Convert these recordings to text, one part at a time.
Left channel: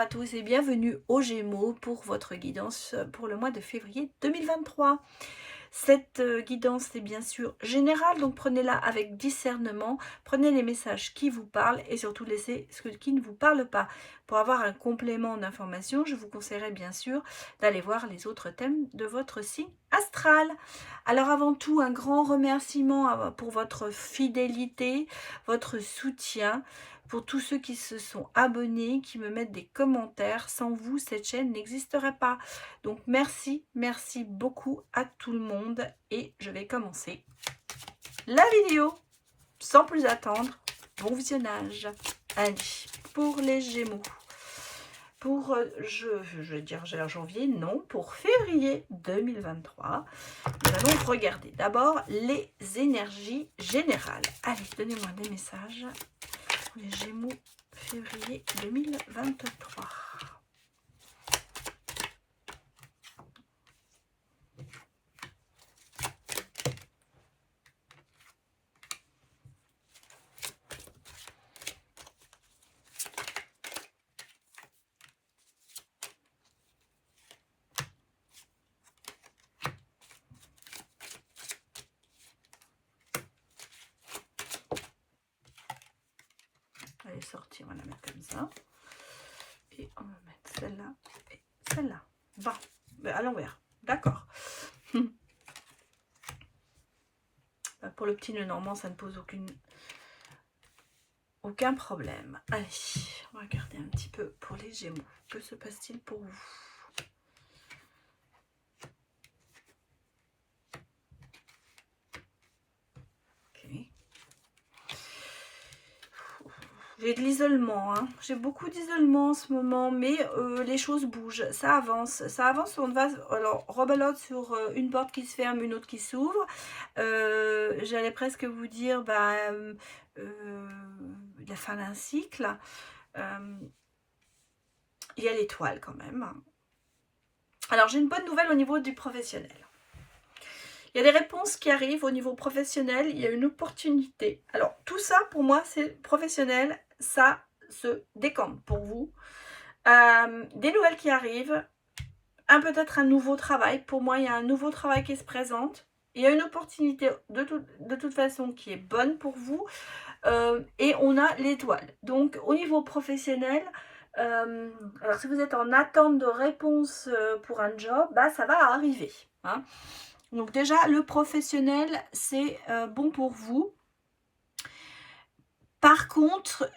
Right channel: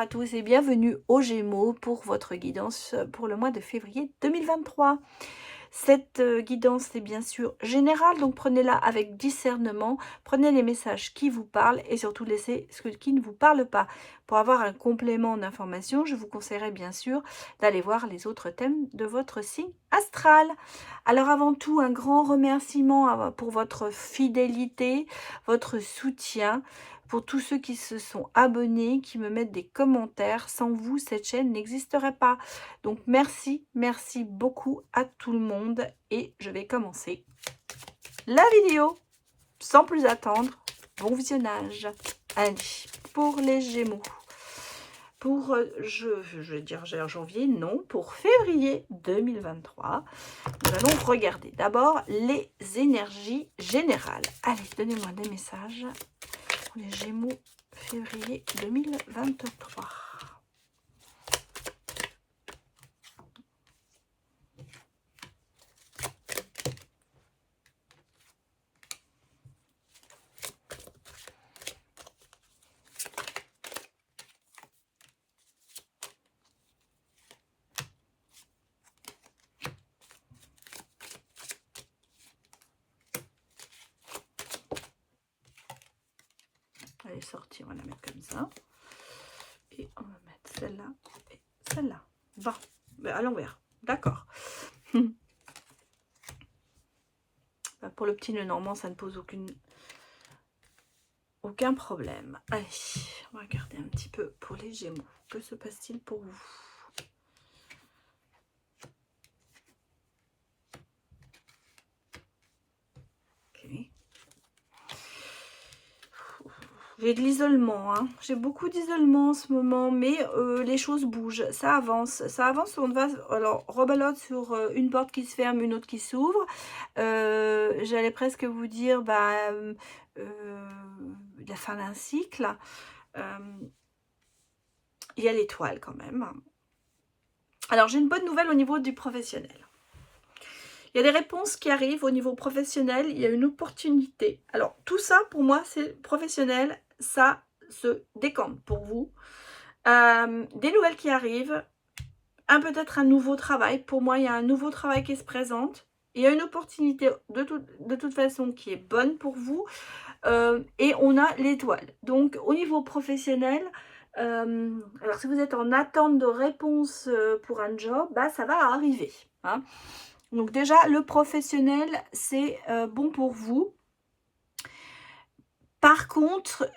à tous et bienvenue aux Gémeaux pour votre guidance pour le mois de février 2023. Cette guidance est bien sûr générale, donc prenez-la avec discernement, prenez les messages qui vous parlent et surtout laissez ce qui ne vous parle pas. Pour avoir un complément d'information, je vous conseillerais bien sûr d'aller voir les autres thèmes de votre signe astral. Alors avant tout, un grand remerciement pour votre fidélité, votre soutien, pour tous ceux qui se sont abonnés, qui me mettent des commentaires. Sans vous, cette chaîne n'existerait pas. Donc merci, merci beaucoup à tout le monde. Et je vais commencer la vidéo sans plus attendre. Bon visionnage. Allez, pour les Gémeaux. Pour, je vais dire janvier, non, pour février 2023, nous allons regarder d'abord les énergies générales. Allez, donnez-moi des messages pour les Gémeaux février 2023. Elle est sortie, on va la mettre comme ça. Et on va mettre celle-là et celle-là. Bon, à l'envers. D'accord. Pour le petit nœud normand, ça ne pose aucun problème. Allez, on va regarder un petit peu pour les Gémeaux. Que se passe-t-il pour vous? J'ai de l'isolement, hein. J'ai beaucoup d'isolement en ce moment, mais les choses bougent, ça avance. Ça avance, on va, alors, rebelote sur une porte qui se ferme, une autre qui s'ouvre. J'allais presque vous dire, la fin d'un cycle. Il y a l'étoile quand même. Alors, j'ai une bonne nouvelle au niveau du professionnel. Il y a des réponses qui arrivent au niveau professionnel, il y a une opportunité. Alors, tout ça, pour moi, c'est professionnel, ça se décante pour vous. Des nouvelles qui arrivent, peut-être un nouveau travail. Pour moi, il y a un nouveau travail qui se présente. Il y a une opportunité de toute façon qui est bonne pour vous. Et on a l'étoile. Donc, au niveau professionnel, alors si vous êtes en attente de réponse pour un job, ça va arriver. Hein. Donc déjà, le professionnel, c'est bon pour vous. Par contre,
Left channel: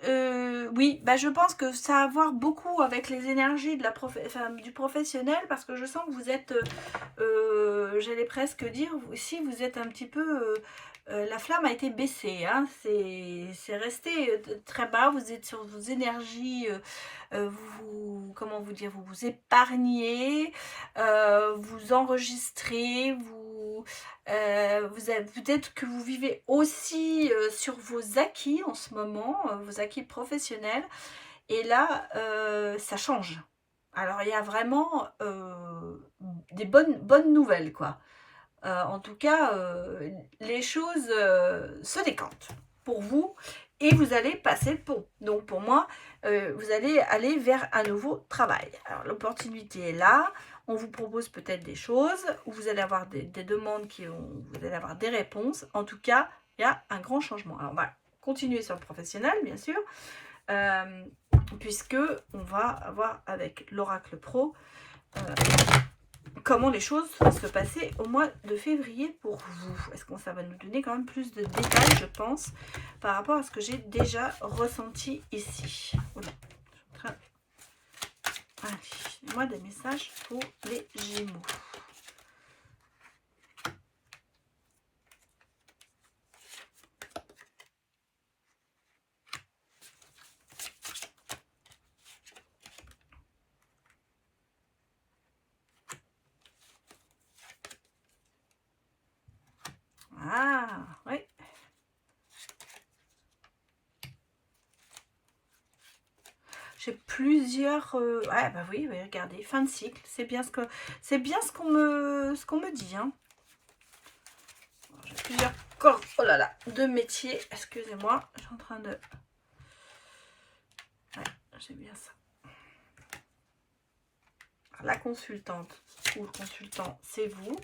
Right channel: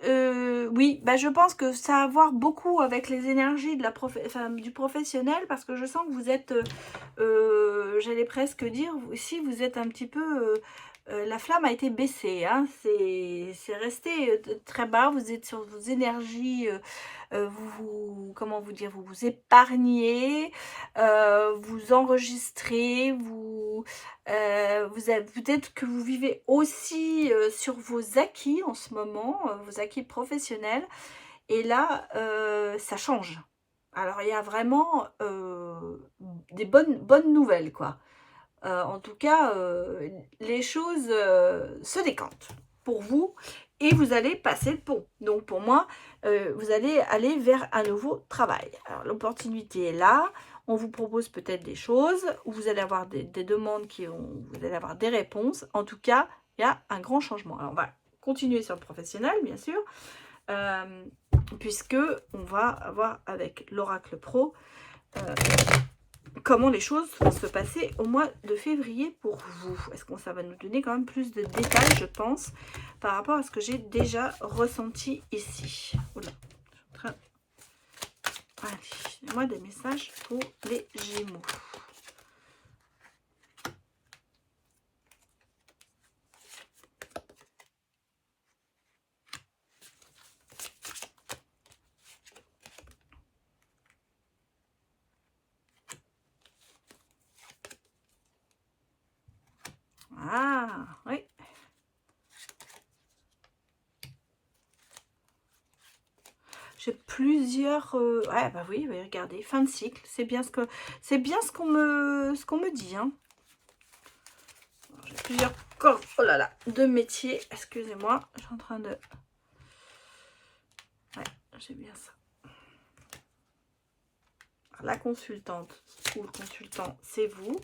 oui, je pense que ça a à voir beaucoup avec les énergies de du professionnel, parce que je sens que vous êtes, j'allais presque dire, si vous êtes un petit peu, la flamme a été baissée, hein, c'est resté très bas, vous êtes sur vos énergies, comment vous dire, vous vous épargnez, vous enregistrez, peut-être que vous vivez aussi sur vos acquis en ce moment, vos acquis professionnels, et là, ça change. Alors, il y a vraiment des bonnes nouvelles, quoi. En tout cas, les choses se décantent pour vous et vous allez passer le pont. Donc, pour moi, vous allez aller vers un nouveau travail. Alors, l'opportunité est là. On vous propose peut-être des choses, vous allez avoir des demandes vous allez avoir des réponses. En tout cas, il y a un grand changement. Alors, on va continuer sur le professionnel, bien sûr, puisque on va avoir avec l'Oracle Pro comment les choses vont se passer au mois de février pour vous. Est-ce que ça va nous donner quand même plus de détails, je pense, par rapport à ce que j'ai déjà ressenti ici. Oula, allez, moi des messages pour les Gémeaux. Ah, oui. J'ai plusieurs... ouais, oui, regardez, fin de cycle. C'est bien ce qu'on me dit. Hein. J'ai plusieurs corps, oh là là, de métiers. Excusez-moi, je suis en train de... Ouais, j'ai bien ça. la consultante ou le consultant, c'est vous.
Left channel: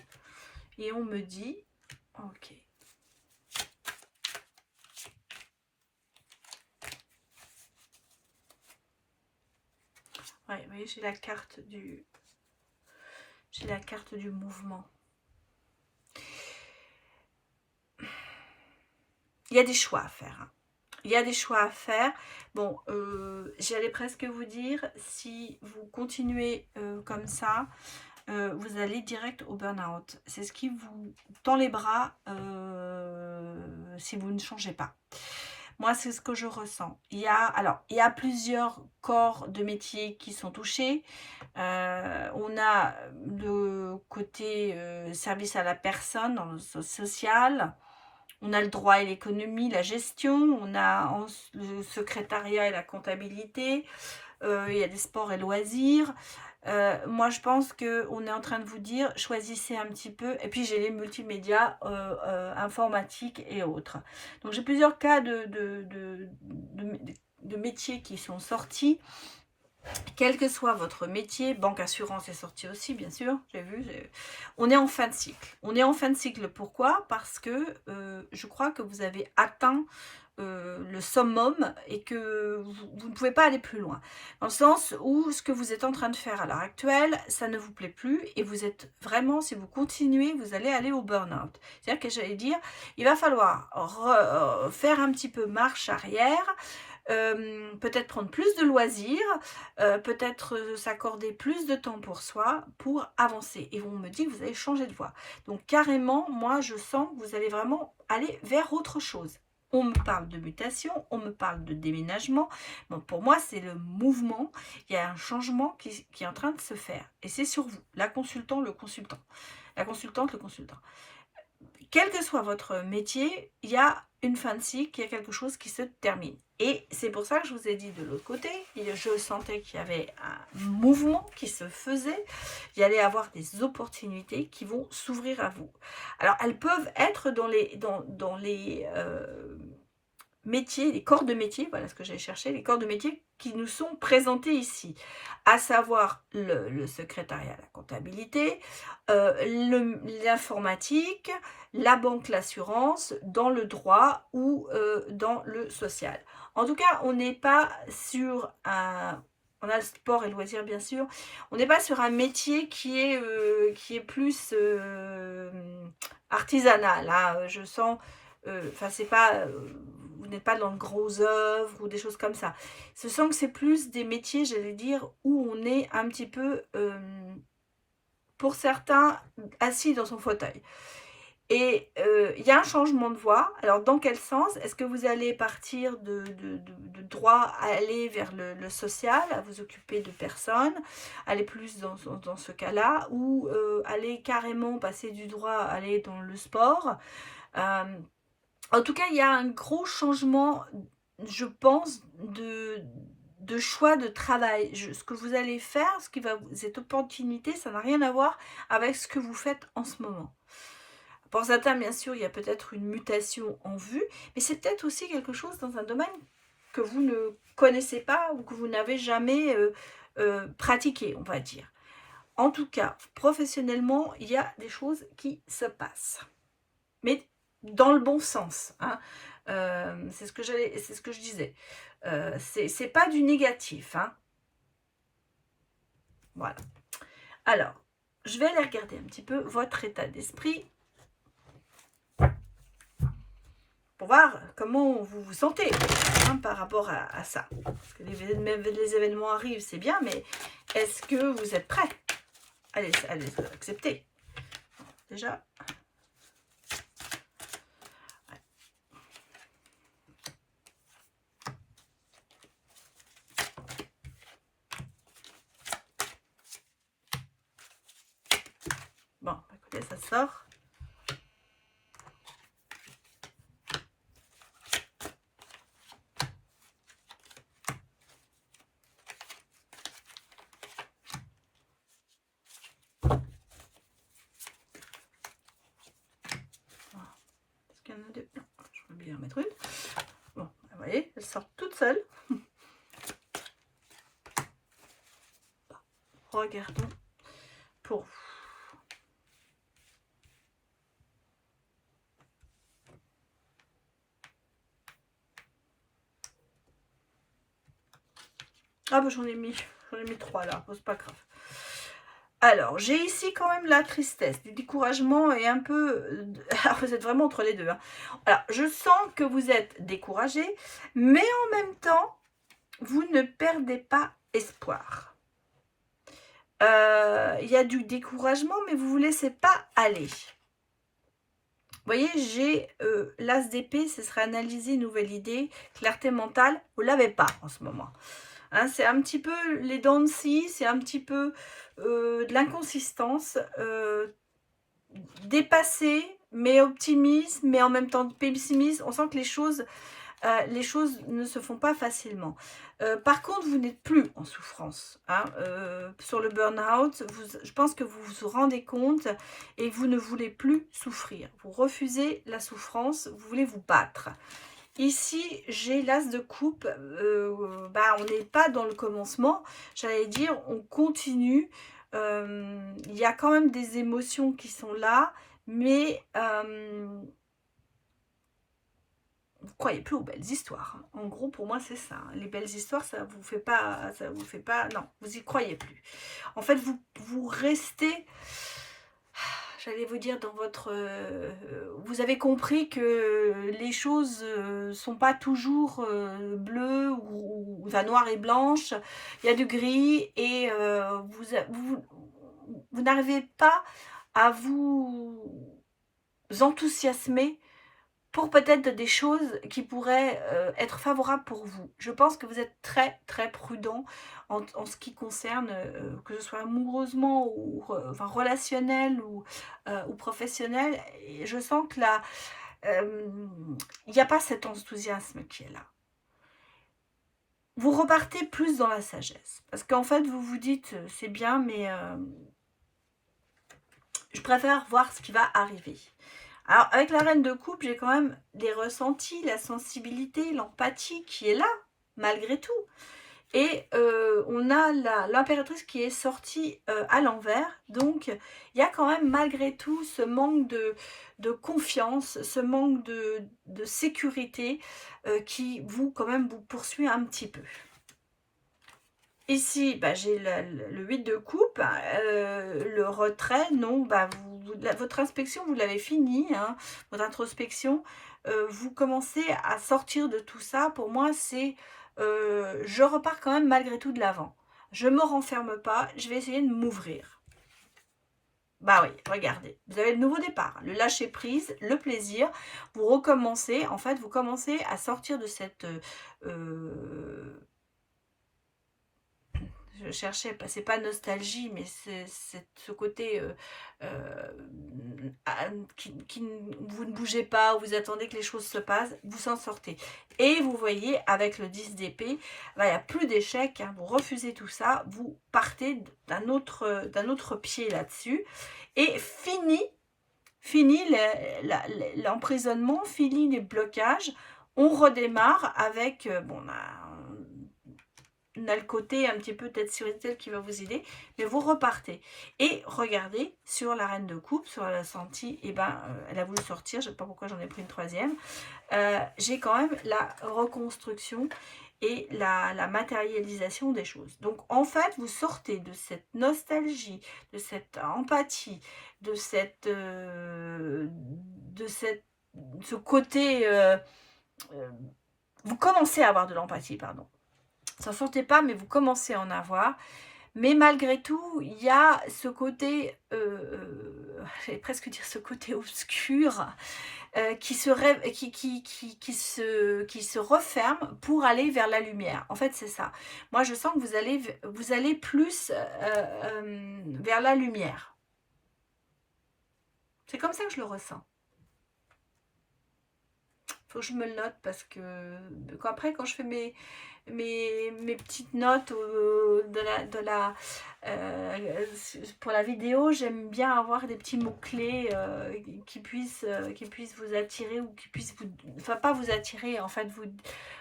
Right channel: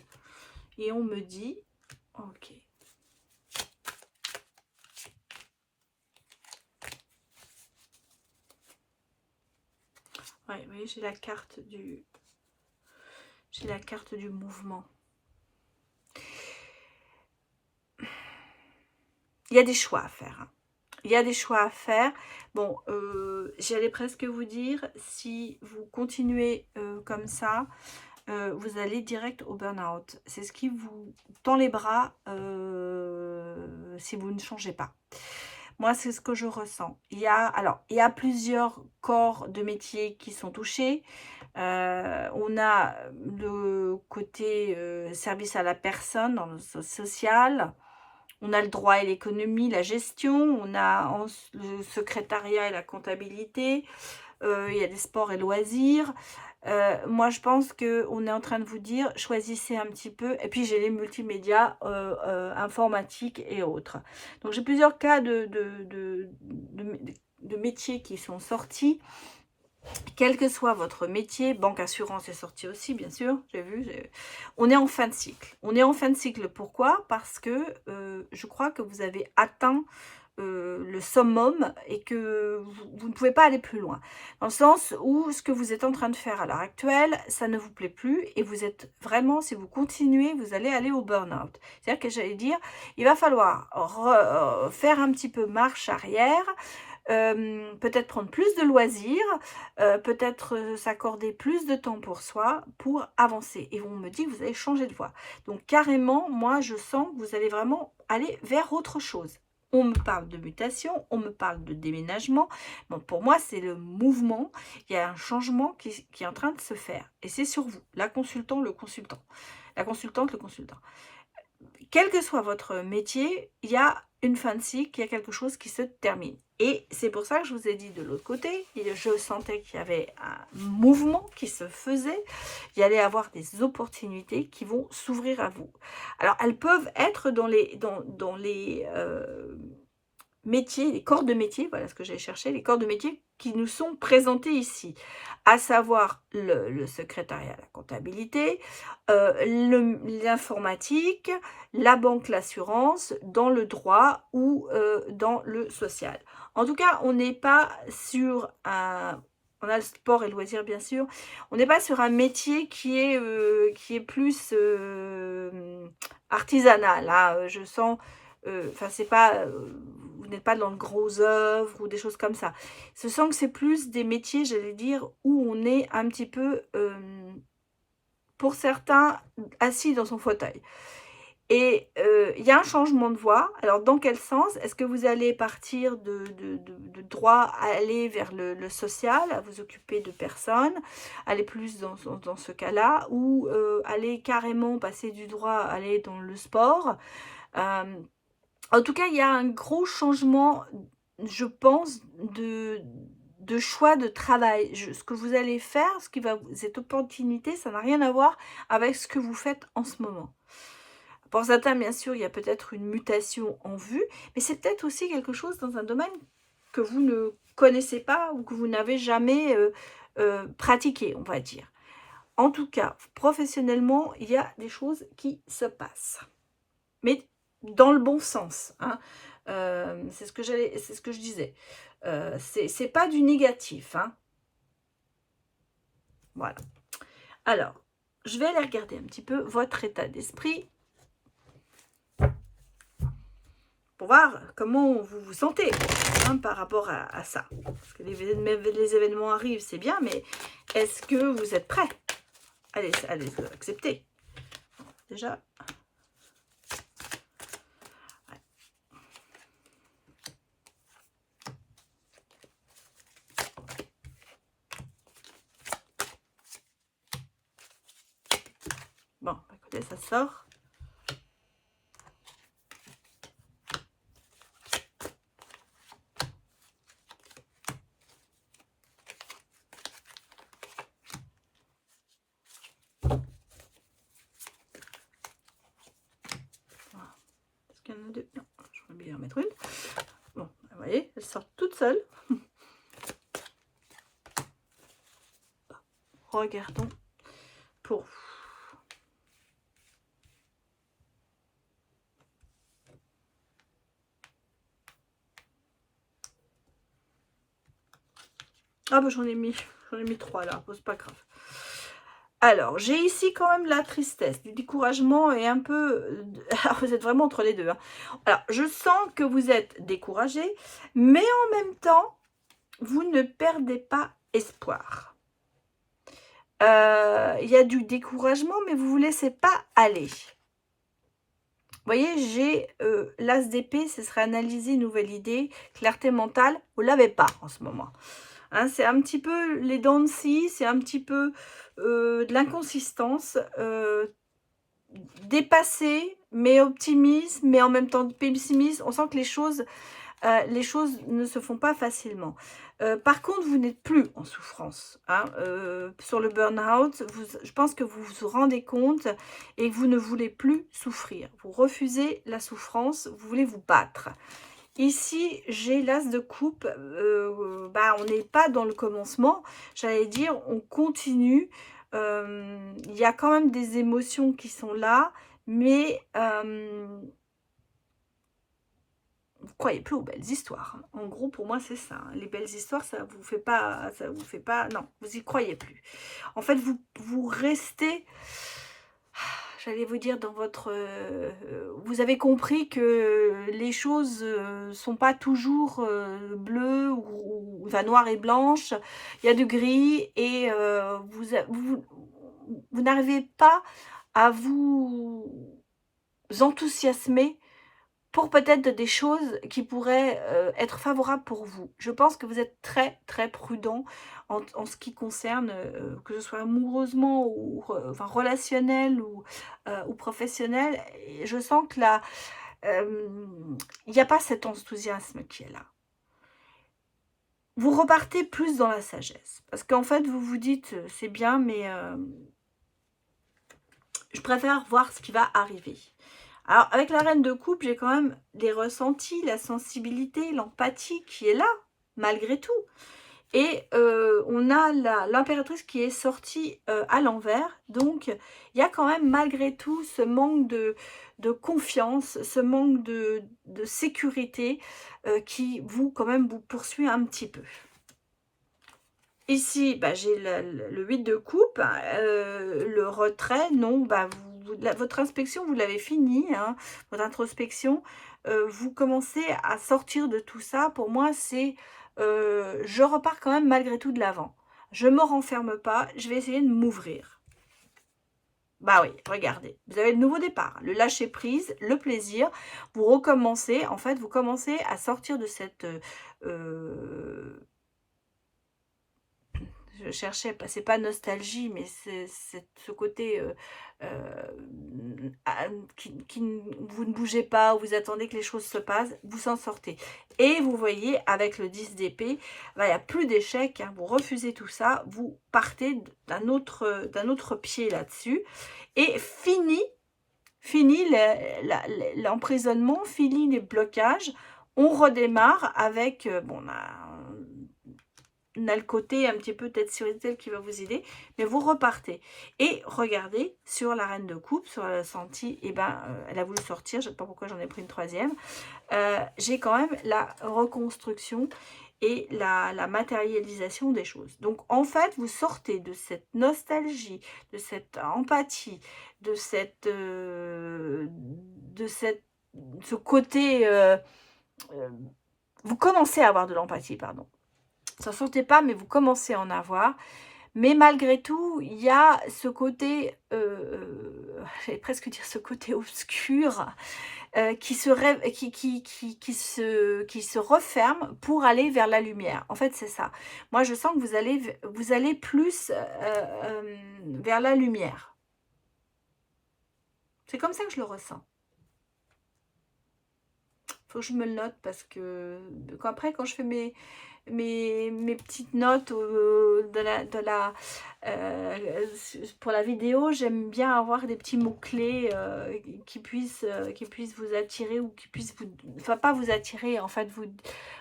Et on me dit, ok. Ouais, oui, j'ai la carte du... J'ai la carte du mouvement. Il y a des choix à faire. Hein. Il y a des choix à faire. Bon, j'allais presque vous dire, si vous continuez comme ça, vous allez direct au burn-out. C'est ce qui vous tend les bras si vous ne changez pas. Moi, c'est ce que je ressens. Il y a plusieurs corps de métiers qui sont touchés. On a le côté service à la personne dans le social. On a le droit et l'économie, la gestion. On a le secrétariat et la comptabilité. Il y a des sports et loisirs. Moi, je pense qu'on est en train de vous dire, choisissez un petit peu. Et puis, j'ai les multimédias informatiques et autres. Donc, j'ai plusieurs cas de métiers qui sont sortis. Quel que soit votre métier, banque, assurance est sorti aussi, bien sûr, j'ai vu. On est en fin de cycle. On est en fin de cycle, pourquoi? Parce que je crois que vous avez atteint le summum et que vous ne pouvez pas aller plus loin. Dans le sens où ce que vous êtes en train de faire à l'heure actuelle, ça ne vous plaît plus et vous êtes vraiment, si vous continuez, vous allez aller au burn-out. C'est-à-dire que j'allais dire, il va falloir faire un petit peu marche arrière, peut-être prendre plus de loisirs, peut-être s'accorder plus de temps pour soi, pour avancer. Et on me dit que vous allez changer de voie. Donc carrément, moi je sens que vous allez vraiment aller vers autre chose. On me parle de mutation, on me parle de déménagement. Bon, pour moi, c'est le mouvement. Il y a un changement qui est en train de se faire. Et c'est sur vous, la consultante, le consultant. La consultante, le consultant. Quel que soit votre métier, il y a une fin de cycle, il y a quelque chose qui se termine. Et c'est pour ça que je vous ai dit de l'autre côté, je sentais qu'il y avait un mouvement qui se faisait, il y allait avoir des opportunités qui vont s'ouvrir à vous. Alors, elles peuvent être dans les métiers, les corps de métier, voilà ce que j'ai cherché, les corps de métier qui nous sont présentés ici, à savoir le secrétariat, la comptabilité, l'informatique, la banque, l'assurance, dans le droit ou dans le social. En tout cas, on n'est pas sur un... On a le sport et le loisir, bien sûr. On n'est pas sur un métier qui est plus artisanal. Hein. Je sens... Enfin, c'est pas... vous n'êtes pas dans de grosses œuvres ou des choses comme ça. Je sens que c'est plus des métiers, j'allais dire, où on est un petit peu, pour certains, assis dans son fauteuil. Et il y a un changement de voie. Alors, dans quel sens? Est-ce que vous allez partir de droit à aller vers le social, à vous occuper de personnes, aller plus dans ce cas-là, ou aller carrément passer du droit à aller dans le sport? En tout cas, il y a un gros changement, je pense, de choix de travail. Ce que vous allez faire, cette opportunité, ça n'a rien à voir avec ce que vous faites en ce moment. Pour certains, bien sûr, il y a peut-être une mutation en vue, mais c'est peut-être aussi quelque chose dans un domaine que vous ne connaissez pas ou que vous n'avez jamais pratiqué, on va dire. En tout cas, professionnellement, il y a des choses qui se passent. Mais dans le bon sens. Hein. C'est ce que je disais. C'est pas du négatif. Hein. Voilà. Alors, je vais aller regarder un petit peu votre état d'esprit pour voir comment vous vous sentez hein, par rapport à ça. Parce que les événements arrivent, c'est bien, mais est-ce que vous êtes prêts? Allez accepter. Déjà. Bon, écoutez, ça sort. Il y en a deux. Non, je vais bien en mettre une. Bon, vous voyez, elles sortent toutes seules. Regardons pour... Ah bah j'en ai mis 3 là, bon, c'est pas grave. Alors, j'ai ici quand même la tristesse, du découragement et un peu... Alors, vous êtes vraiment entre les deux. Hein. Alors, je sens que vous êtes découragé, mais en même temps, vous ne perdez pas espoir. Il y a du découragement, mais vous ne vous laissez pas aller. Vous voyez, j'ai l'as d'épée, ce serait analyser une nouvelle idée, clarté mentale, vous ne l'avez pas en ce moment. Hein, c'est un petit peu les dents de scie, c'est un petit peu de l'inconsistance, dépassé, mais optimiste, mais en même temps pessimiste. On sent que les choses ne se font pas facilement. Par contre, vous n'êtes plus en souffrance. Hein, sur le burn-out, je pense que vous vous rendez compte et vous ne voulez plus souffrir. Vous refusez la souffrance, vous voulez vous battre. Ici, j'ai l'as de coupe. On n'est pas dans le commencement. J'allais dire, on continue. Il y a quand même des émotions qui sont là, mais vous croyez plus aux belles histoires. Hein. En gros, pour moi, c'est ça. Hein. Les belles histoires, ça vous fait pas. Non, vous y croyez plus. En fait, vous restez. J'allais vous dire dans votre... vous avez compris que les choses sont pas toujours bleues ou noires et blanches. Il y a du gris et vous n'arrivez pas à vous enthousiasmer pour peut-être des choses qui pourraient être favorables pour vous. Je pense que vous êtes très, très prudent en ce qui concerne, que ce soit amoureusement ou relationnel ou professionnel. Et je sens que là, il n'y a pas cet enthousiasme qui est là. Vous repartez plus dans la sagesse. Parce qu'en fait, vous vous dites, c'est bien, mais je préfère voir ce qui va arriver. Alors, avec la reine de coupe, j'ai quand même des ressentis, la sensibilité, l'empathie qui est là, malgré tout. Et on a l'impératrice qui est sortie à l'envers. Donc, il y a quand même, malgré tout, ce manque de confiance, ce manque de sécurité qui, quand même, vous poursuit un petit peu. Ici, j'ai le 8 de coupe, le retrait, non, votre inspection, vous l'avez fini, hein, votre introspection, vous commencez à sortir de tout ça. Pour moi, c'est, je repars quand même malgré tout de l'avant. Je ne me renferme pas, je vais essayer de m'ouvrir. Bah oui, regardez, vous avez le nouveau départ, le lâcher prise, le plaisir, vous recommencez, en fait, vous commencez à sortir de cette... je cherchais, c'est pas nostalgie, mais c'est ce côté vous ne bougez pas, vous attendez que les choses se passent, vous en sortez. Et vous voyez, avec le 10 d'épée, il n'y a plus d'échec, hein, vous refusez tout ça, vous partez d'un autre pied là-dessus. Et fini l'emprisonnement, fini les blocages, on redémarre avec, on a le côté un petit peu tête sur tête qui va vous aider, mais vous repartez. Et regardez, sur la reine de coupe, sur la sentie, elle a voulu sortir, je ne sais pas pourquoi j'en ai pris une troisième. J'ai quand même la reconstruction et la matérialisation des choses. Donc, en fait, vous sortez de cette nostalgie, de cette empathie, de ce côté... vous commencez à avoir de l'empathie, pardon. Ça ne sortait pas, mais vous commencez à en avoir. Mais malgré tout, il y a ce côté, j'allais presque dire ce côté obscur, qui se referme pour aller vers la lumière. En fait, c'est ça. Moi, je sens que vous allez plus vers la lumière. C'est comme ça que je le ressens. Faut que je me le note parce que après, quand je fais mes petites notes pour la vidéo, j'aime bien avoir des petits mots-clés qui puissent vous attirer ou qui puissent vous... Enfin, pas vous attirer, en fait,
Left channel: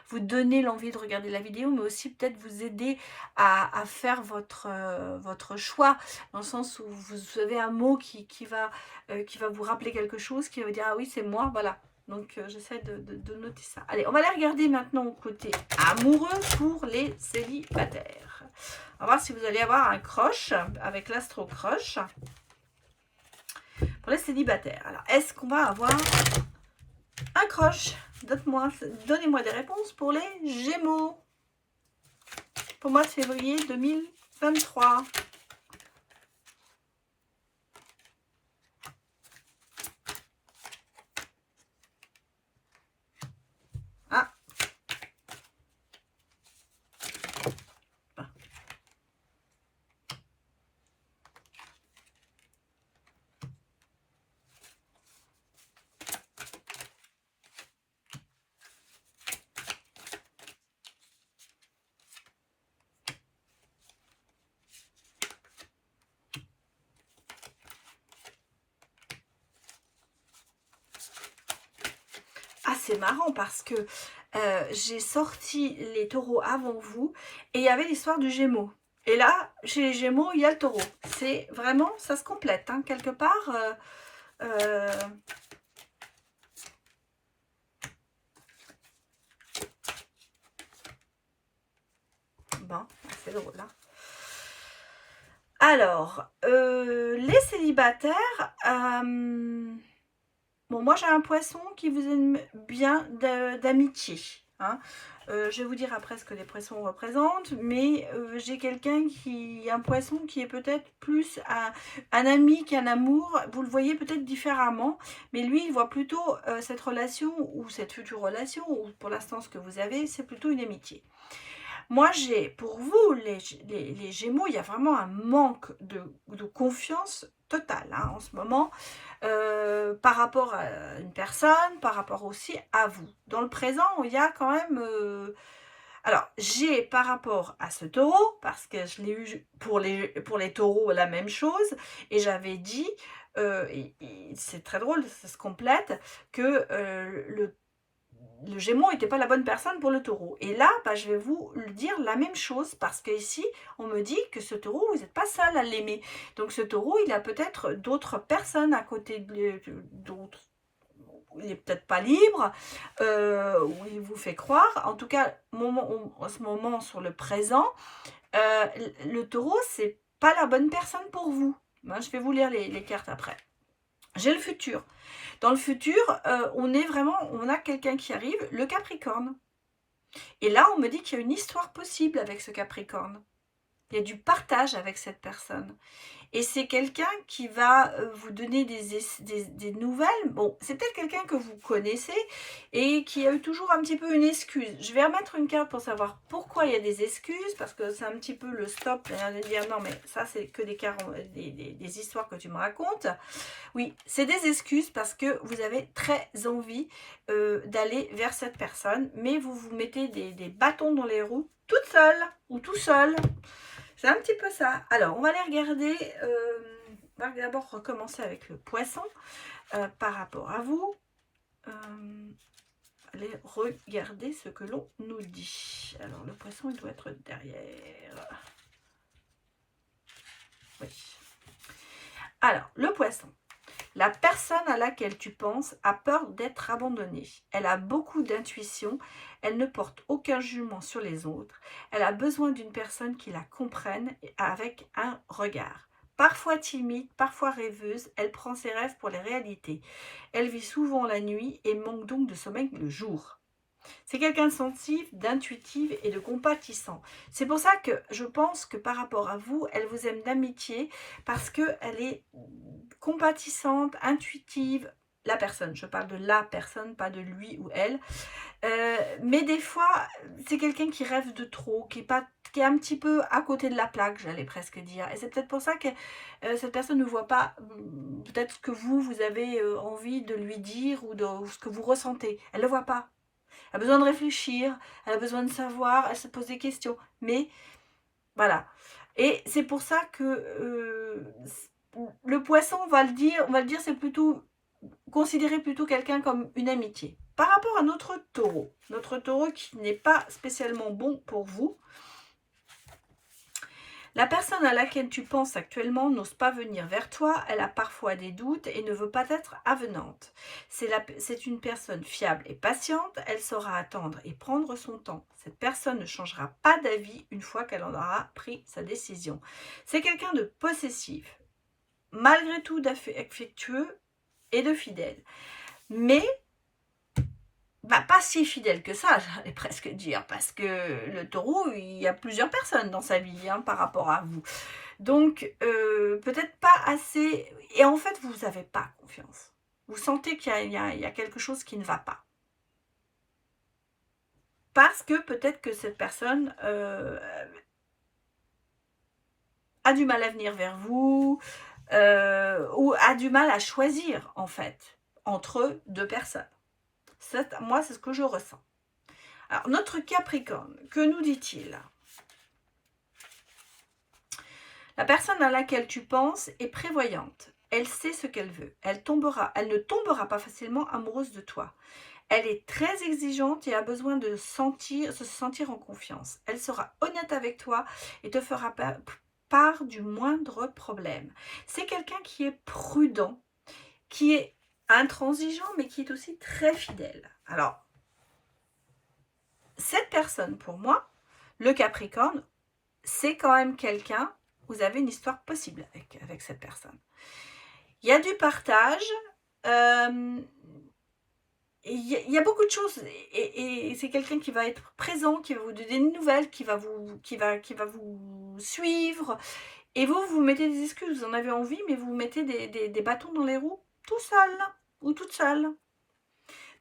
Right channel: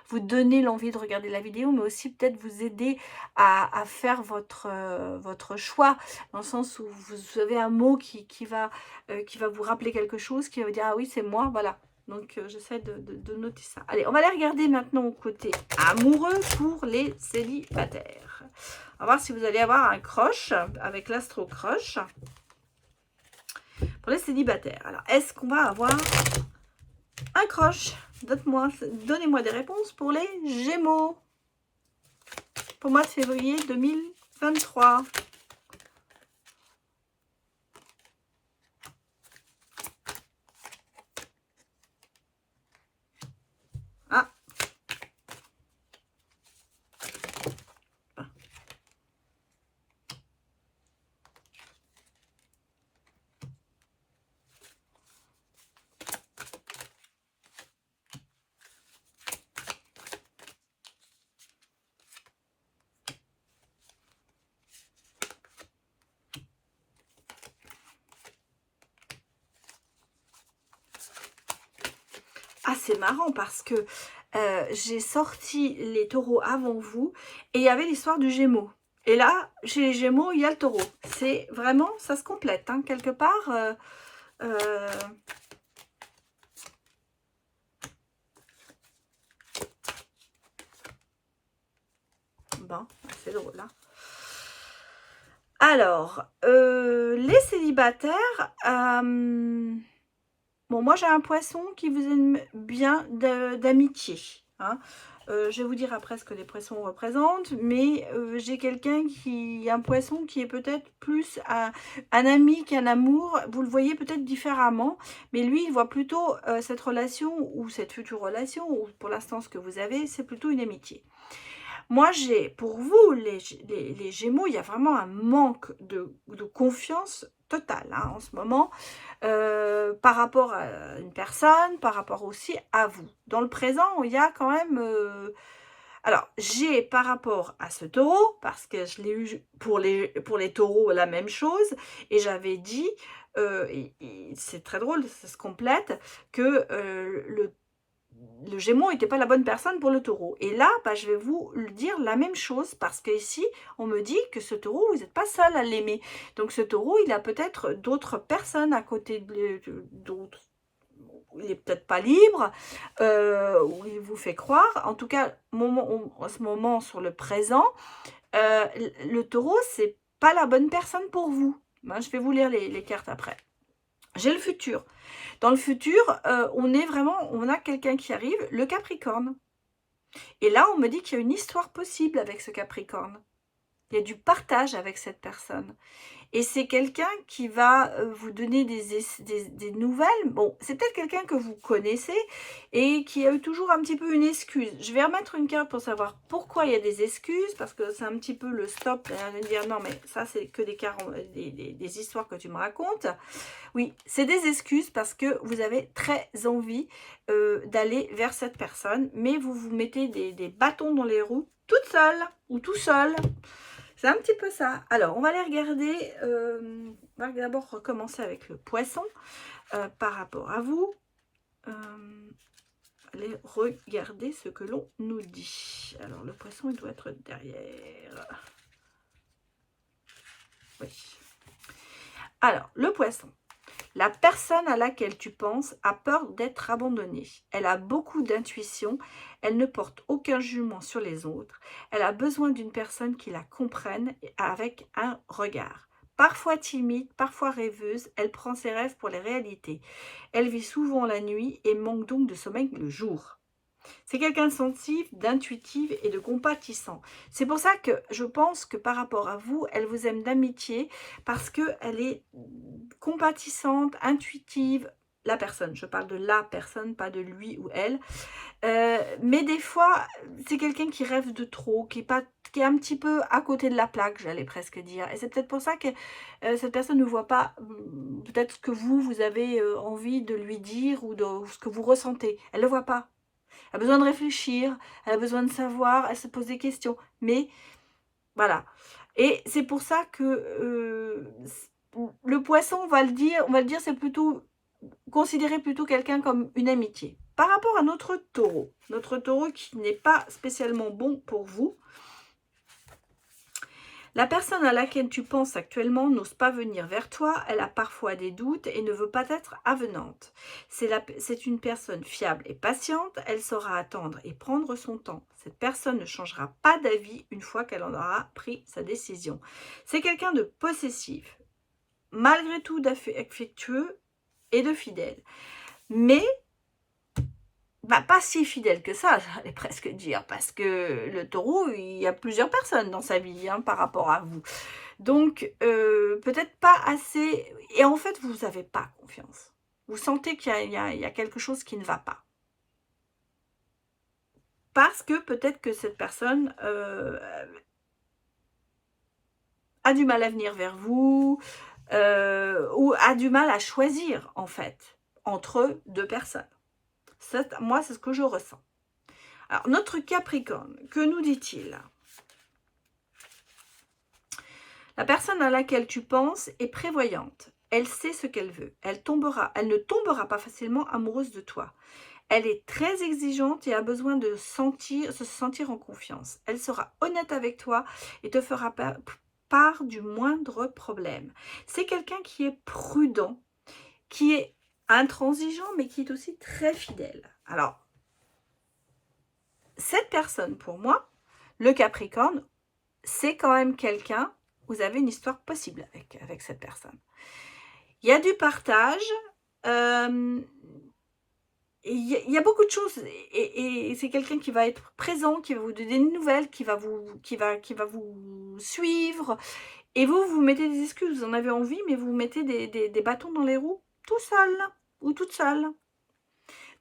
vous donner l'envie de regarder la vidéo, mais aussi peut-être vous aider à faire votre choix, dans le sens où vous avez un mot qui va vous rappeler quelque chose, qui va vous dire « Ah oui, c'est moi », voilà. Donc, j'essaie de noter ça. Allez, on va aller regarder maintenant au côté amoureux pour les célibataires. On va voir si vous allez avoir un crush avec l'astro crush pour les célibataires. Alors, est-ce qu'on va avoir un crush? Donnez-moi des réponses pour les Gémeaux. Pour mois de février 2023. Ah. Ah, c'est marrant parce que j'ai sorti les taureaux avant vous et il y avait l'histoire du Gémeaux. Et là, chez les Gémeaux, il y a le taureau. C'est vraiment, ça se complète, hein, quelque part. Bon, c'est le rôle, hein. Alors, les célibataires, bon, moi j'ai un poisson qui vous aime bien d'amitié, hein. Je vais vous dire après ce que les poissons représentent, mais j'ai un poisson qui est peut-être plus un ami qu'un amour. Vous le voyez peut-être différemment, mais lui il voit plutôt cette relation ou cette future relation, ou pour l'instant ce que vous avez, c'est plutôt une amitié. Moi, pour vous, les Gémeaux, il y a vraiment un manque de confiance totale, hein, en ce moment, par rapport à une personne, par rapport aussi à vous. Dans le présent, il y a quand même... alors, j'ai par rapport à ce taureau, parce que je l'ai eu pour les taureaux, la même chose, et j'avais dit, c'est très drôle, ça se complète, que le Gémeaux n'était pas la bonne personne pour le taureau. Et là, bah, je vais vous le dire la même chose, parce que ici, on me dit que ce taureau, vous n'êtes pas seul à l'aimer. Donc ce taureau, il a peut-être d'autres personnes à côté d'autres. Il n'est peut-être pas libre, ou il vous fait croire. En tout cas, en ce moment, sur le présent, le taureau, c'est pas la bonne personne pour vous. Ben, je vais vous lire les cartes après. J'ai le futur. Dans le futur, on a quelqu'un qui arrive, le Capricorne. Et là, on me dit qu'il y a une histoire possible avec ce Capricorne. Il y a du partage avec cette personne. Et c'est quelqu'un qui va vous donner des nouvelles. Bon, c'est peut-être quelqu'un que vous connaissez et qui a eu toujours un petit peu une excuse. Je vais remettre une carte pour savoir pourquoi il y a des excuses, parce que c'est un petit peu le stop. Et dire non, mais ça, c'est que des histoires que tu me racontes. Oui, c'est des excuses parce que vous avez très envie d'aller vers cette personne, mais vous vous mettez des bâtons dans les roues toute seule ou tout seul. C'est un petit peu ça. Alors, on va aller regarder, on va d'abord recommencer avec le poisson par rapport à vous. Allez regarder ce que l'on nous dit. Alors, le poisson, il doit être derrière. Oui. Alors, le poisson. La personne à laquelle tu penses a peur d'être abandonnée. Elle a beaucoup d'intuition. Elle ne porte aucun jugement sur les autres. Elle a besoin d'une personne qui la comprenne avec un regard. Parfois timide, parfois rêveuse, elle prend ses rêves pour les réalités. Elle vit souvent la nuit et manque donc de sommeil le jour. C'est quelqu'un de sensible, d'intuitive et de compatissant. C'est pour ça que je pense que par rapport à vous, elle vous aime d'amitié parce qu'elle est compatissante, intuitive. La personne, je parle de la personne, pas de lui ou elle. Mais des fois, c'est quelqu'un qui rêve de trop, qui est un petit peu à côté de la plaque, j'allais presque dire. Et c'est peut-être pour ça que cette personne ne voit pas peut-être ce que vous avez envie de lui dire ou ce que vous ressentez. Elle ne le voit pas. Elle a besoin de réfléchir, elle a besoin de savoir, elle se pose des questions. Mais voilà. Et c'est pour ça que le poisson, on va le dire, c'est plutôt considérer plutôt quelqu'un comme une amitié. Par rapport à notre taureau qui n'est pas spécialement bon pour vous, la personne à laquelle tu penses actuellement n'ose pas venir vers toi, elle a parfois des doutes et ne veut pas être avenante. C'est une personne fiable et patiente, elle saura attendre et prendre son temps. Cette personne ne changera pas d'avis une fois qu'elle en aura pris sa décision. C'est quelqu'un de possessif, malgré tout d'affectueux et de fidèle. Mais pas si fidèle que ça, j'allais presque dire, parce que le taureau, il y a plusieurs personnes dans sa vie par rapport à vous. Donc, peut-être pas assez, et en fait, vous n'avez pas confiance. Vous sentez qu'il y a quelque chose qui ne va pas. Parce que peut-être que cette personne a du mal à venir vers vous, ou a du mal à choisir, en fait, entre deux personnes. Moi, c'est ce que je ressens. Alors, notre Capricorne, que nous dit-il? La personne à laquelle tu penses est prévoyante. Elle sait ce qu'elle veut. Elle ne tombera pas facilement amoureuse de toi. Elle est très exigeante et a besoin de se sentir en confiance. Elle sera honnête avec toi et te fera part du moindre problème. C'est quelqu'un qui est prudent, qui est intransigeant, mais qui est aussi très fidèle. Alors, cette personne, pour moi, le Capricorne, c'est quand même quelqu'un, vous avez une histoire possible avec cette personne. Il y a du partage, il y a beaucoup de choses, et c'est quelqu'un qui va être présent, qui va vous donner des nouvelles, qui va vous suivre, et vous mettez des excuses, vous en avez envie, mais vous mettez des bâtons dans les roues tout seul ou toute seule.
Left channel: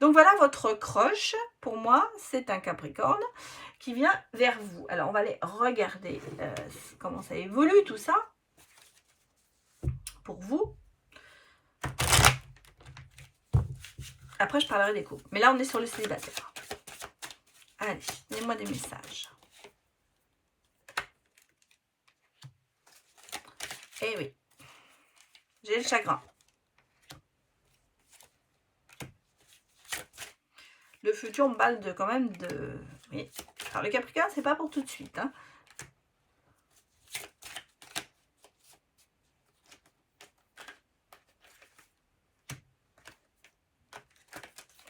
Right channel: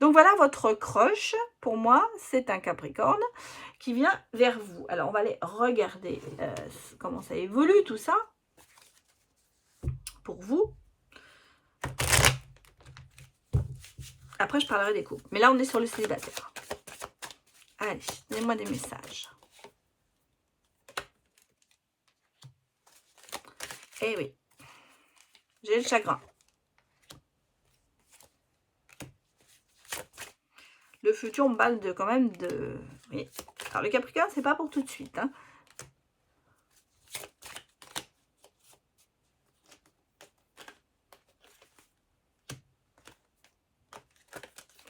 Donc voilà, votre crush, pour moi, c'est un Capricorne qui vient vers vous. Alors, on va aller regarder comment ça évolue, tout ça, pour vous. Après, je parlerai des couples. Mais là, on est sur le célibataire. Allez, donnez-moi des messages. Eh oui, j'ai le chagrin. Le futur me parle quand même de... Oui. Alors, le Capricorne, c'est pas pour tout de suite.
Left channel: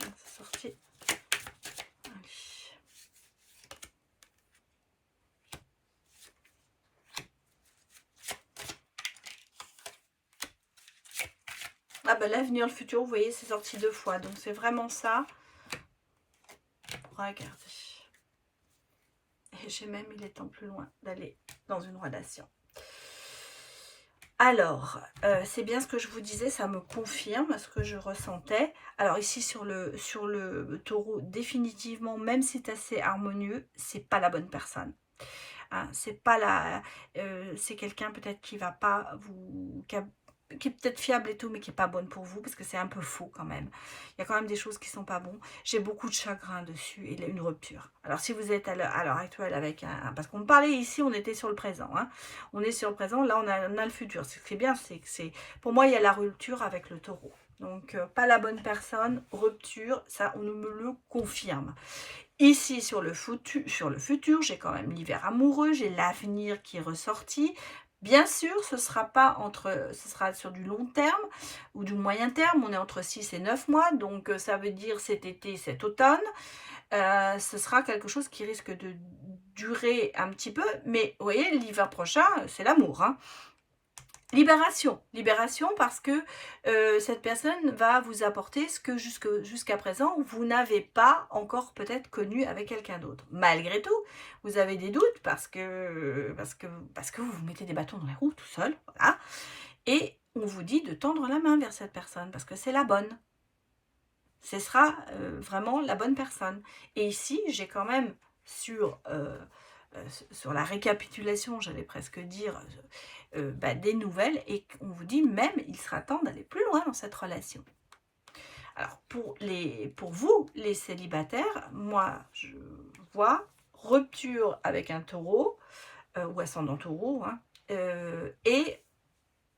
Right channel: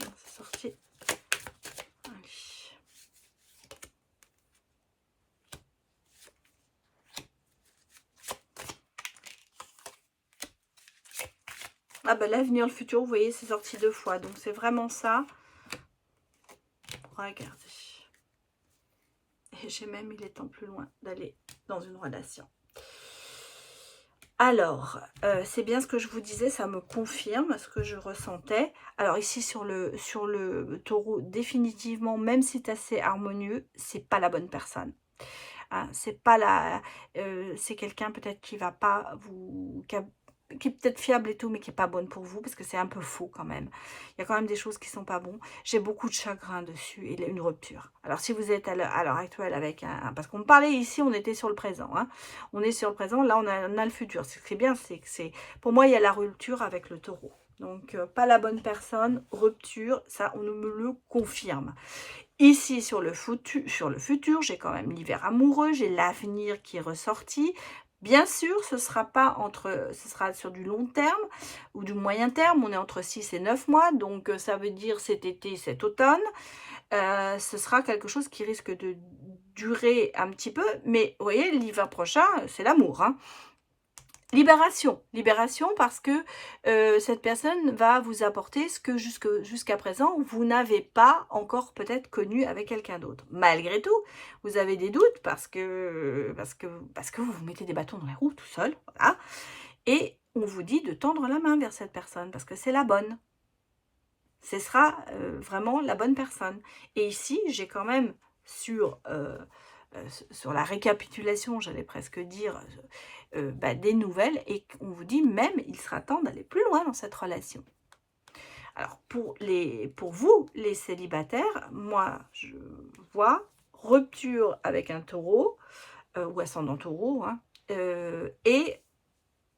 C'est sorti. Allez. Ah ben l'avenir, le futur, vous voyez, c'est sorti 2 fois. Donc, c'est vraiment ça. Regardez. Et j'ai même, il est temps plus loin d'aller dans une relation. Alors, c'est bien ce que je vous disais, ça me confirme ce que je ressentais. Alors ici, sur le taureau, définitivement, même si c'est assez harmonieux, c'est pas la bonne personne. C'est pas c'est quelqu'un peut-être qui va pas vous... qui est peut-être fiable et tout, mais qui n'est pas bonne pour vous, parce que c'est un peu faux quand même. Il y a quand même des choses qui ne sont pas bonnes. J'ai beaucoup de chagrin dessus et une rupture. Alors, si vous êtes à l'heure actuelle avec parce qu'on me parlait ici, on était sur le présent. On est sur le présent, là, on a le futur. Ce qui est bien, c'est que pour moi, il y a la rupture avec le taureau. Donc, pas la bonne personne, rupture, ça, on me le confirme. Ici, sur le futur, j'ai quand même l'hiver amoureux, j'ai l'avenir qui est ressorti. Bien sûr, ce sera sur du long terme ou du moyen terme. On est entre 6 et 9 mois, donc ça veut dire cet été, cet automne. Ce sera quelque chose qui risque de durer un petit peu, mais vous voyez, l'hiver prochain, c'est l'amour. Libération parce que cette personne va vous apporter ce que jusqu'à présent, vous n'avez pas encore peut-être connu avec quelqu'un d'autre. Malgré tout, vous avez des doutes parce que vous vous mettez des bâtons dans les roues tout seul. Voilà. Et on vous dit de tendre la main vers cette personne parce que c'est la bonne. Ce sera vraiment la bonne personne. Et ici, j'ai quand même sur la récapitulation, j'allais presque dire... des nouvelles, et on vous dit même il sera temps d'aller plus loin dans cette relation. Alors pour vous les célibataires, moi je vois rupture avec un taureau ou ascendant taureau et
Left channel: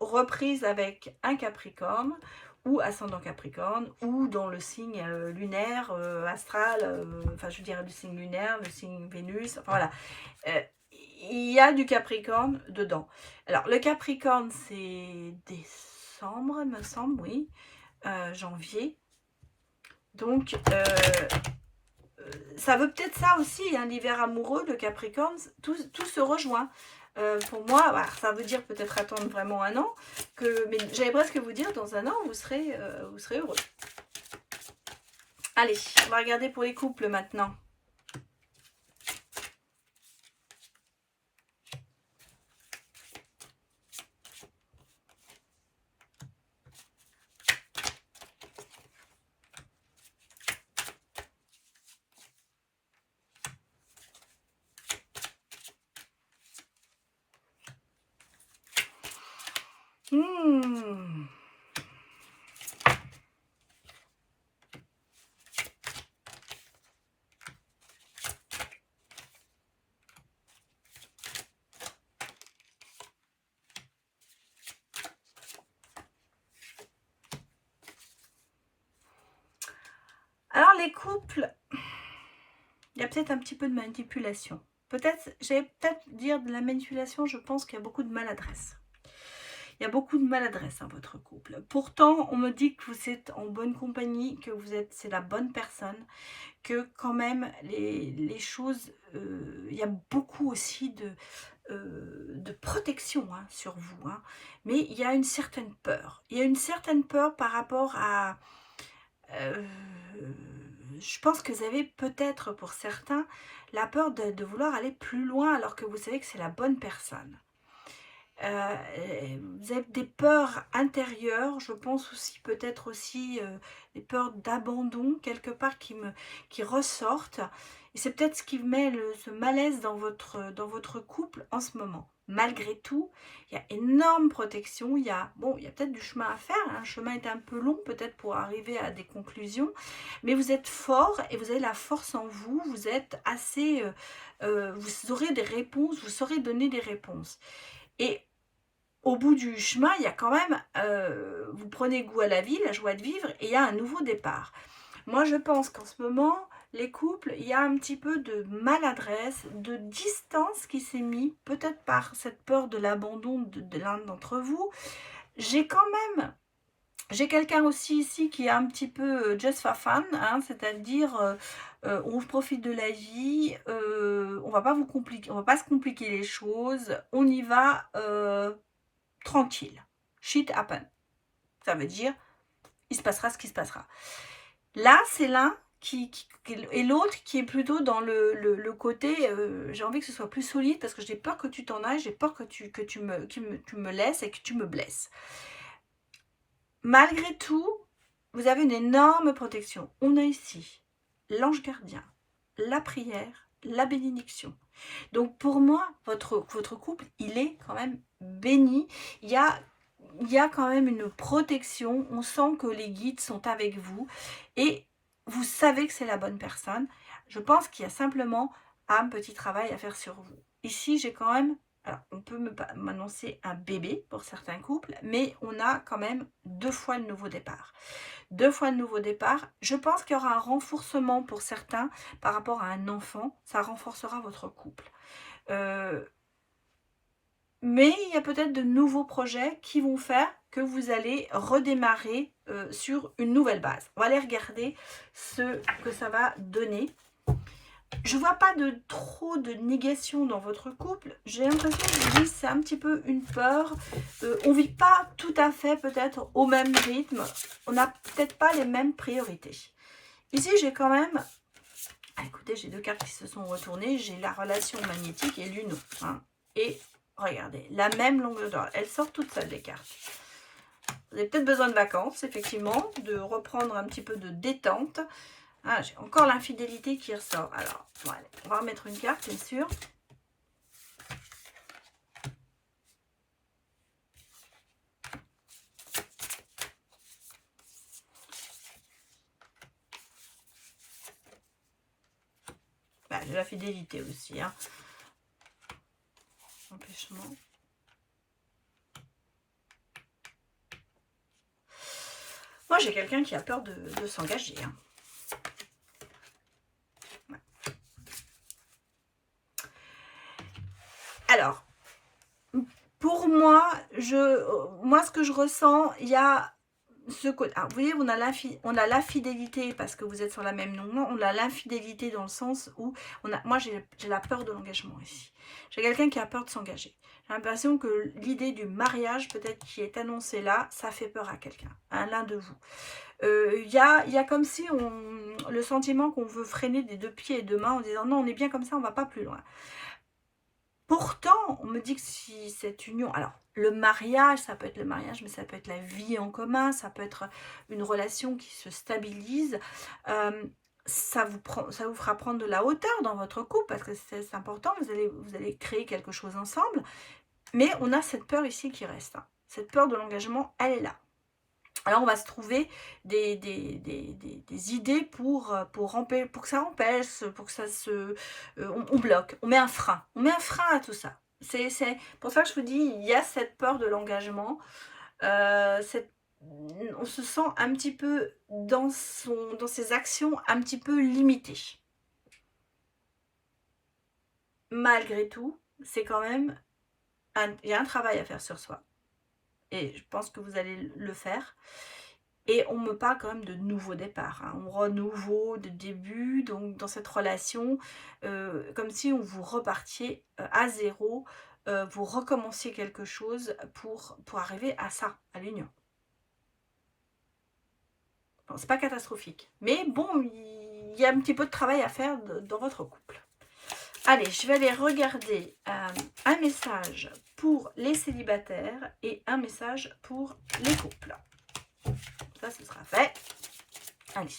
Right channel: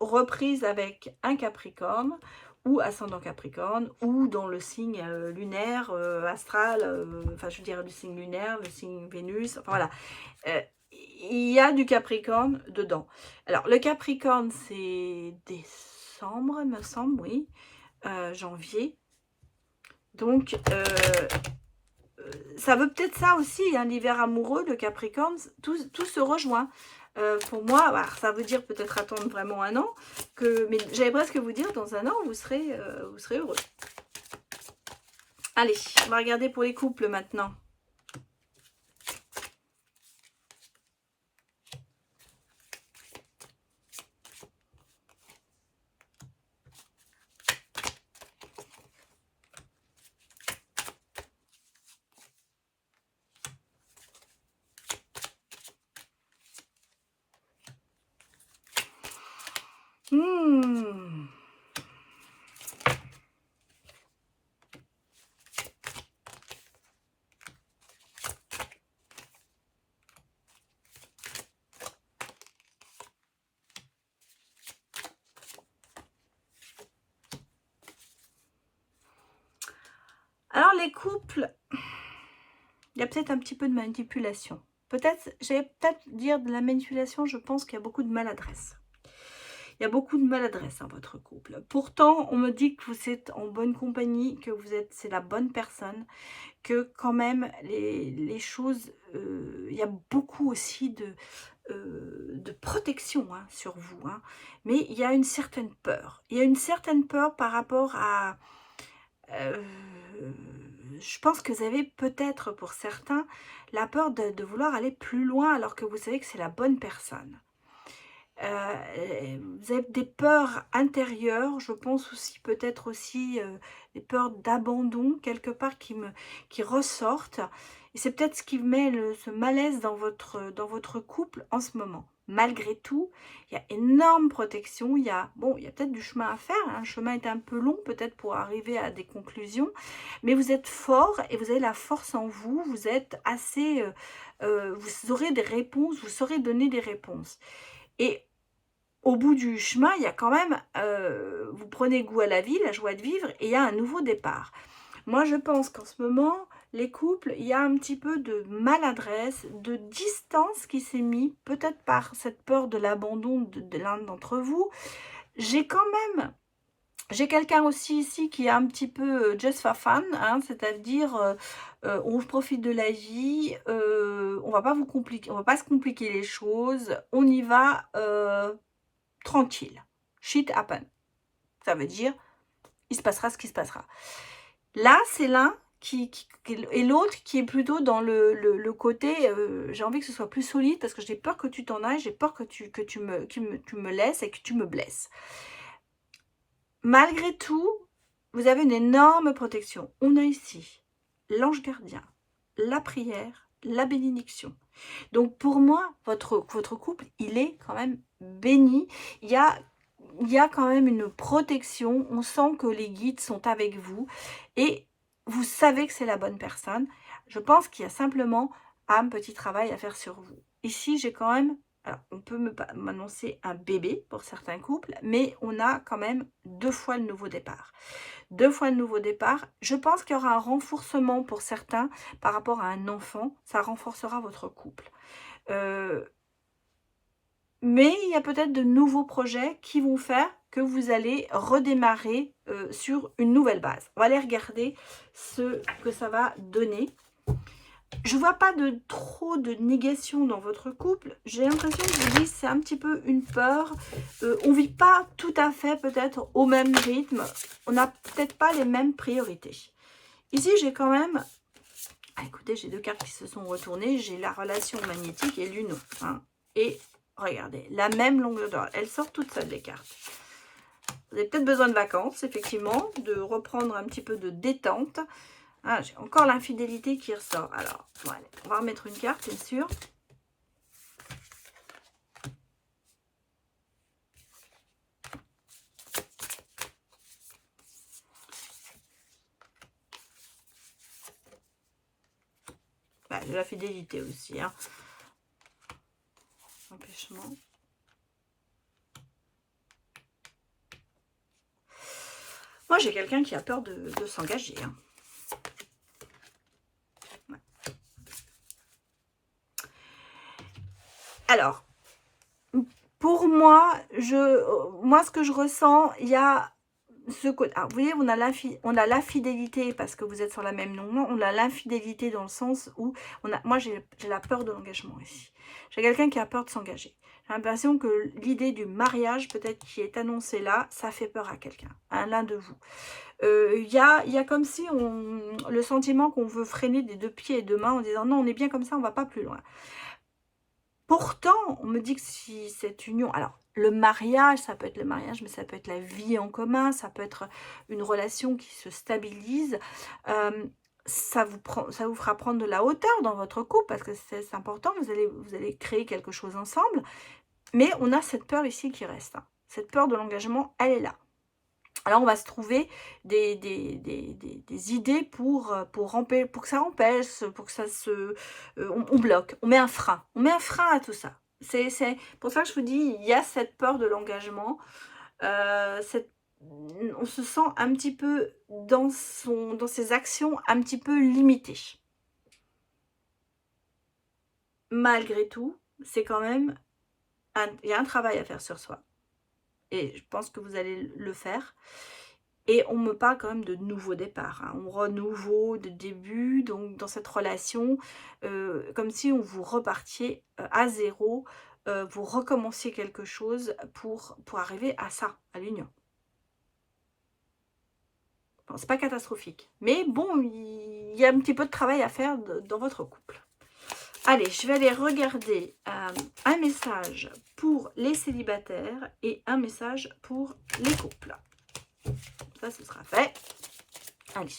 reprise avec un Capricorne ou ascendant Capricorne, ou dans le signe lunaire, astral, enfin je veux dire le signe lunaire, le signe Vénus, enfin voilà. Il y a du Capricorne dedans. Alors le Capricorne c'est décembre, me semble, oui, janvier. Donc ça veut peut-être ça aussi, hein, l'hiver amoureux, le Capricorne, tout se rejoint. Pour moi, bah, ça veut dire peut-être attendre vraiment un an, mais j'allais presque vous dire, dans un an, vous serez heureux. Allez, on va regarder pour les couples maintenant. Alors les couples, il y a peut-être un petit peu de manipulation. Peut-être, j'ai peut-être dire de la manipulation, je pense qu'il y a beaucoup de maladresse. Il y a beaucoup de maladresse dans votre couple. Pourtant, on me dit que vous êtes en bonne compagnie, que c'est la bonne personne, que quand même les choses, il y a beaucoup aussi de protection hein, sur vous. Hein. Mais il y a une certaine peur. Il y a une certaine peur par rapport à... je pense que vous avez peut-être pour certains la peur de vouloir aller plus loin alors que vous savez que c'est la bonne personne. Vous avez des peurs intérieures, je pense aussi peut-être aussi des peurs d'abandon quelque part qui ressortent. Et c'est peut-être ce qui met ce malaise dans votre couple en ce moment. Malgré tout, il y a énorme protection. Il y a peut-être du chemin à faire. Hein. Le chemin est un peu long peut-être pour arriver à des conclusions. Mais vous êtes fort et vous avez la force en vous. Vous êtes assez... vous aurez des réponses, vous saurez donner des réponses. Et au bout du chemin, il y a quand même, vous prenez goût à la vie, la joie de vivre, et il y a un nouveau départ. Moi, je pense qu'en ce moment, les couples, il y a un petit peu de maladresse, de distance qui s'est mise, peut-être par cette peur de l'abandon de l'un d'entre vous. J'ai quelqu'un aussi ici qui est un petit peu just for fun, hein, c'est-à-dire on profite de la vie, on va pas se compliquer les choses, on y va tranquille. Shit happen. Ça veut dire, il se passera ce qui se passera. Là, c'est l'un et l'autre qui est plutôt dans le côté, j'ai envie que ce soit plus solide parce que j'ai peur que tu t'en ailles, j'ai peur que tu me laisses et que tu me blesses. Malgré tout, vous avez une énorme protection. On a ici l'ange gardien, la prière, la bénédiction. Donc pour moi, votre couple, il est quand même béni. Il y a quand même une protection. On sent que les guides sont avec vous. Et vous savez que c'est la bonne personne. Je pense qu'il y a simplement un petit travail à faire sur vous. Ici, j'ai quand même... Alors, on peut m'annoncer un bébé pour certains couples, mais on a quand même 2 fois le nouveau départ. 2 fois le nouveau départ. Je pense qu'il y aura un renforcement pour certains par rapport à un enfant. Ça renforcera votre couple. Mais il y a peut-être de nouveaux projets qui vont faire que vous allez redémarrer sur une nouvelle base. On va aller regarder ce que ça va donner. Je vois pas trop de négation dans votre couple. J'ai l'impression que c'est un petit peu une peur. On vit pas tout à fait peut-être au même rythme. On n'a peut-être pas les mêmes priorités. Ici, j'ai quand même... Ah, écoutez, j'ai 2 cartes qui se sont retournées. J'ai la relation magnétique et l'uno. Hein. Et regardez, la même longueur d'onde. Elle sort toute seule, les cartes. Vous avez peut-être besoin de vacances, effectivement, de reprendre un petit peu de détente. Ah, j'ai encore l'infidélité qui ressort. Alors, voilà, on va remettre une carte, bien sûr. Bah, de la fidélité aussi. Hein. Empêchement. j'ai quelqu'un qui a peur de s'engager. Hein. Ouais. Alors, pour moi, ce que je ressens, il y a ce côté. Alors, vous voyez, on a l'infidélité parce que vous êtes sur la même ligne. On a l'infidélité dans le sens où moi, j'ai la peur de l'engagement ici. J'ai quelqu'un qui a peur de s'engager. J'ai l'impression que l'idée du mariage, peut-être qui est annoncée là, ça fait peur à quelqu'un, à l'un de vous. Il y a comme si le sentiment qu'on veut freiner des 2 pieds et 2 mains en disant non, on est bien comme ça, on ne va pas plus loin. Pourtant, on me dit que si cette union, alors le mariage, ça peut être le mariage, mais ça peut être la vie en commun, ça peut être une relation qui se stabilise, ça vous fera prendre de la hauteur dans votre couple, parce que c'est important, vous allez créer quelque chose ensemble, mais on a cette peur ici qui reste, hein. Cette peur de l'engagement, elle est là. Alors, on va se trouver des idées pour que ça empêche, pour que ça se... on bloque, on met un frein. On met un frein à tout ça. C'est pour ça que je vous dis, il y a cette peur de l'engagement. On se sent un petit peu dans ses actions, un petit peu limité. Malgré tout, c'est quand même... il y a un travail à faire sur soi. Et je pense que vous allez le faire. Et on me parle quand même de nouveau départ, hein. On renouveau de début, donc dans cette relation, comme si on vous repartiez à zéro, vous recommenciez quelque chose pour arriver à ça, à l'union. Bon, c'est pas catastrophique, mais bon, il y a un petit peu de travail à faire dans votre couple. Allez, je vais aller regarder un message pour les célibataires et un message pour les couples. Ça, ce sera fait. Allez,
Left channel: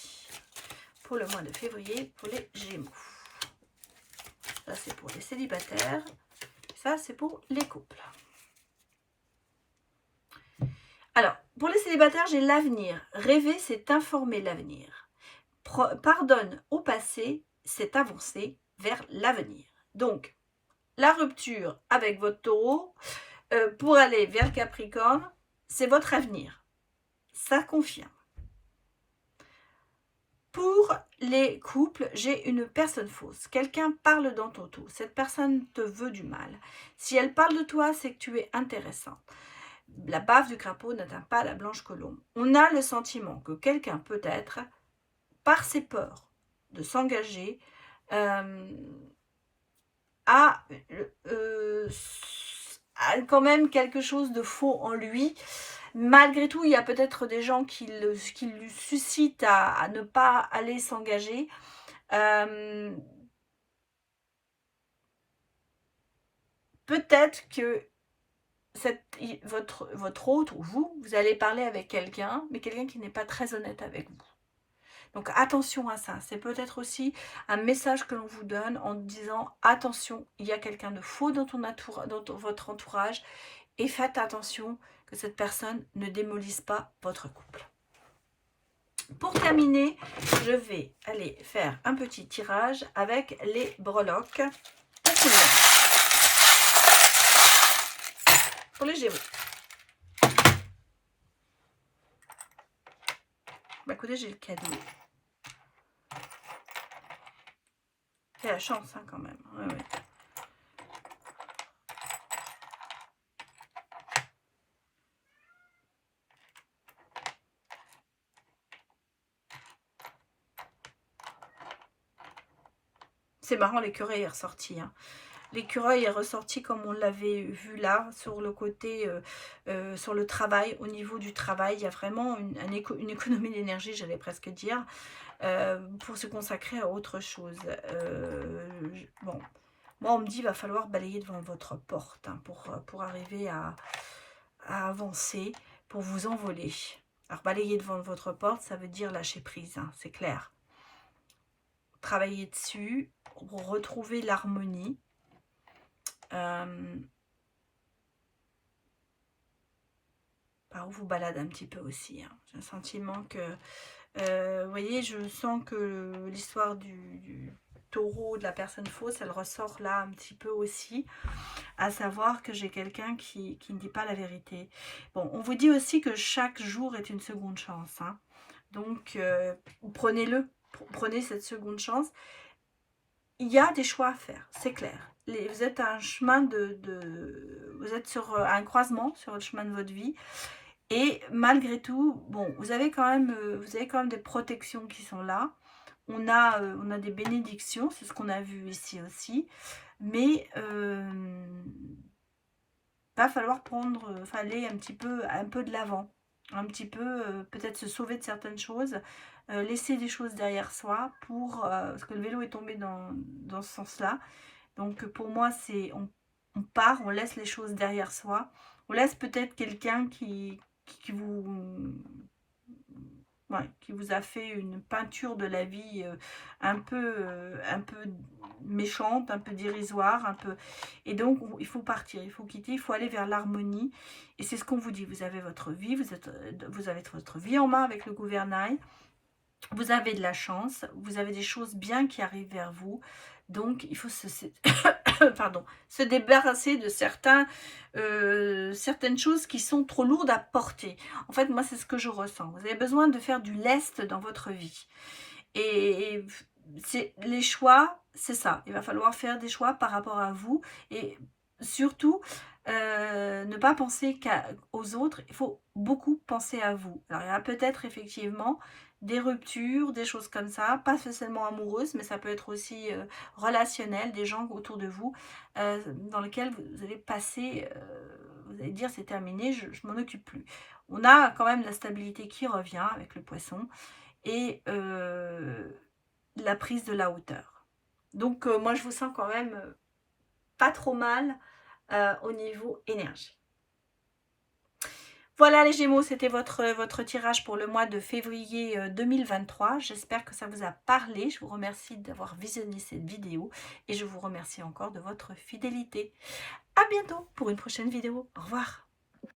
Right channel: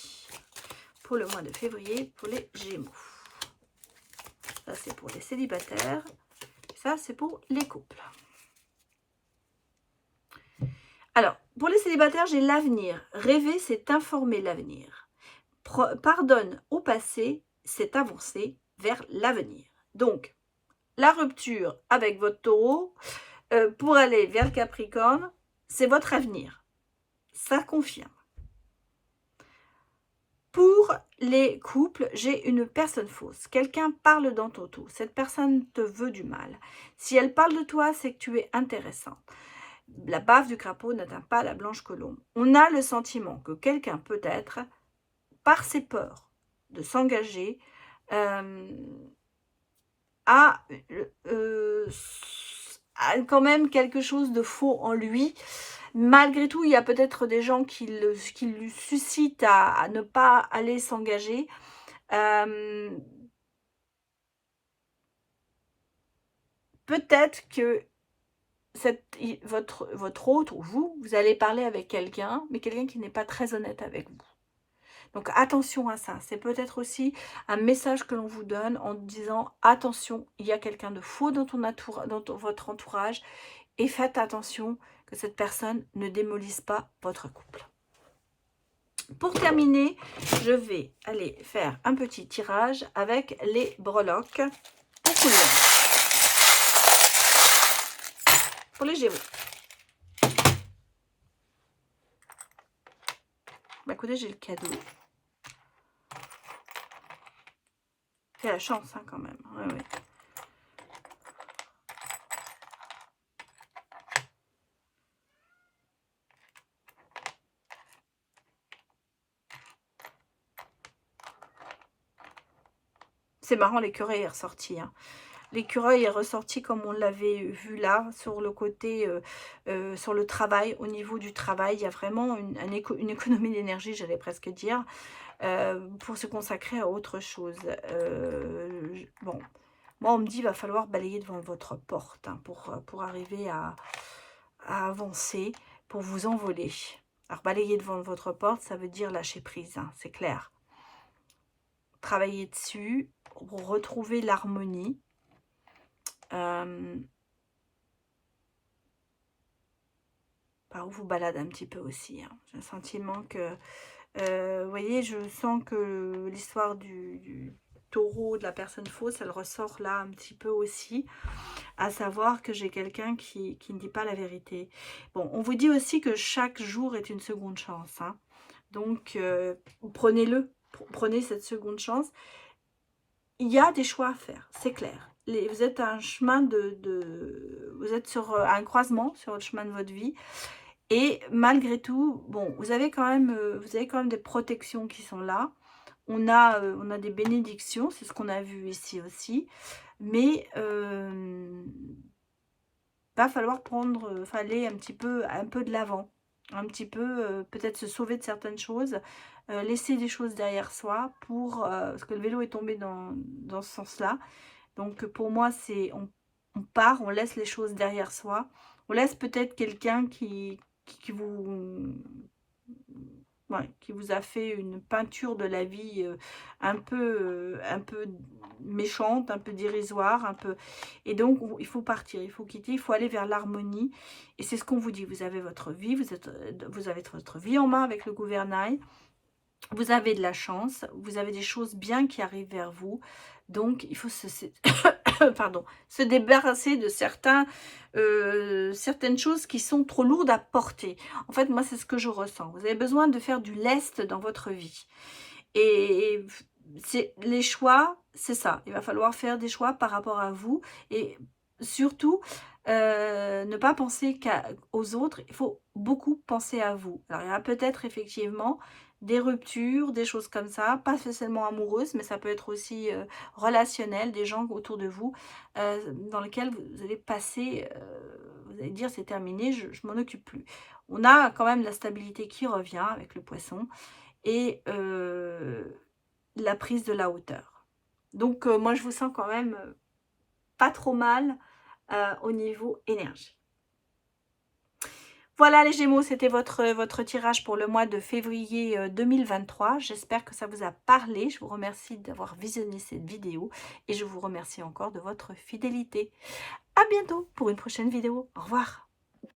pour le mois de février, pour les Gémeaux. Ça, c'est pour les célibataires. Ça, c'est pour les couples. Alors, pour les célibataires, j'ai l'avenir. Rêver, c'est informer l'avenir. Pardonne au passé, c'est avancer vers l'avenir. Donc, la rupture avec votre taureau, pour aller vers le Capricorne, c'est votre avenir. Ça confirme. Pour les couples, j'ai une personne fausse. Quelqu'un parle dans ton dos. Cette personne te veut du mal. Si elle parle de toi, c'est que tu es intéressant. La bave du crapaud n'atteint pas la blanche colombe. On a le sentiment que quelqu'un peut-être, par ses peurs de s'engager, a quand même quelque chose de faux en lui. Malgré tout, il y a peut-être des gens qui lui suscitent à ne pas aller s'engager. Peut-être que votre autre ou vous allez parler avec quelqu'un, mais quelqu'un qui n'est pas très honnête avec vous. Donc attention à ça. C'est peut-être aussi un message que l'on vous donne en disant attention, il y a quelqu'un de faux dans votre entourage et faites attention que cette personne ne démolisse pas votre couple. Pour terminer, je vais aller faire un petit tirage avec les breloques pour tout le monde. Pour les Gémeaux. Bah écoutez, j'ai le cadeau. C'est la chance hein, quand même. Ouais, ouais. C'est marrant, l'écureuil est ressorti. Hein. L'écureuil est ressorti comme on l'avait vu là, sur le côté, sur le travail. Au niveau du travail, il y a vraiment une économie d'énergie, j'allais presque dire, pour se consacrer à autre chose. Bon, moi on me dit qu'il va falloir balayer devant votre porte hein, pour arriver à avancer, pour vous envoler. Alors balayer devant votre porte, ça veut dire lâcher prise, hein, c'est clair. Travailler dessus, pour retrouver l'harmonie. Par où vous balade un petit peu aussi. Hein. J'ai un sentiment que, vous voyez, je sens que l'histoire du taureau, de la personne fausse, elle ressort là un petit peu aussi. À savoir que j'ai quelqu'un qui ne dit pas la vérité. Bon, on vous dit aussi que chaque jour est une seconde chance. Hein. Donc, prenez-le, prenez cette seconde chance. Il y a des choix à faire, c'est clair. Vous êtes à un chemin vous êtes sur un croisement sur le chemin de votre vie. Et malgré tout, bon, vous avez quand même des protections qui sont là. On a des bénédictions, c'est ce qu'on a vu ici aussi. Mais va falloir aller un peu de l'avant. Un petit peu, peut-être se sauver de certaines choses. Laisser des choses derrière soi parce que le vélo est tombé dans ce sens-là. Donc pour moi, c'est on part, on laisse les choses derrière soi. On laisse peut-être quelqu'un qui vous, ouais, qui vous a fait une peinture de la vie un peu méchante, un peu dérisoire, un peu. Et donc il faut partir, il faut quitter, il faut aller vers l'harmonie. Et c'est ce qu'on vous dit. Vous avez votre vie, vous avez votre vie en main avec le gouvernail. Vous avez de la chance, vous avez des choses bien qui arrivent vers vous. Donc, il faut pardon, se débarrasser de certaines choses qui sont trop lourdes à porter. En fait, moi, c'est ce que je ressens. Vous avez besoin de faire du lest dans votre vie. Et les choix, c'est ça. Il va falloir faire des choix par rapport à vous. Et surtout, ne pas penser aux autres. Il faut beaucoup penser à vous. Alors, il y a peut-être effectivement des ruptures, des choses comme ça, pas spécialement amoureuses, mais ça peut être aussi relationnel, des gens autour de vous dans lesquels vous allez passer, vous allez dire c'est terminé, je m'en occupe plus. On a quand même la stabilité qui revient avec le poisson et la prise de la hauteur. Donc moi je vous sens quand même pas trop mal au niveau énergie. Voilà les Gémeaux, c'était votre tirage pour le mois de février 2023. J'espère que ça vous a parlé. Je vous remercie d'avoir visionné cette vidéo et je vous remercie encore de votre fidélité. À bientôt pour une prochaine vidéo. Au revoir.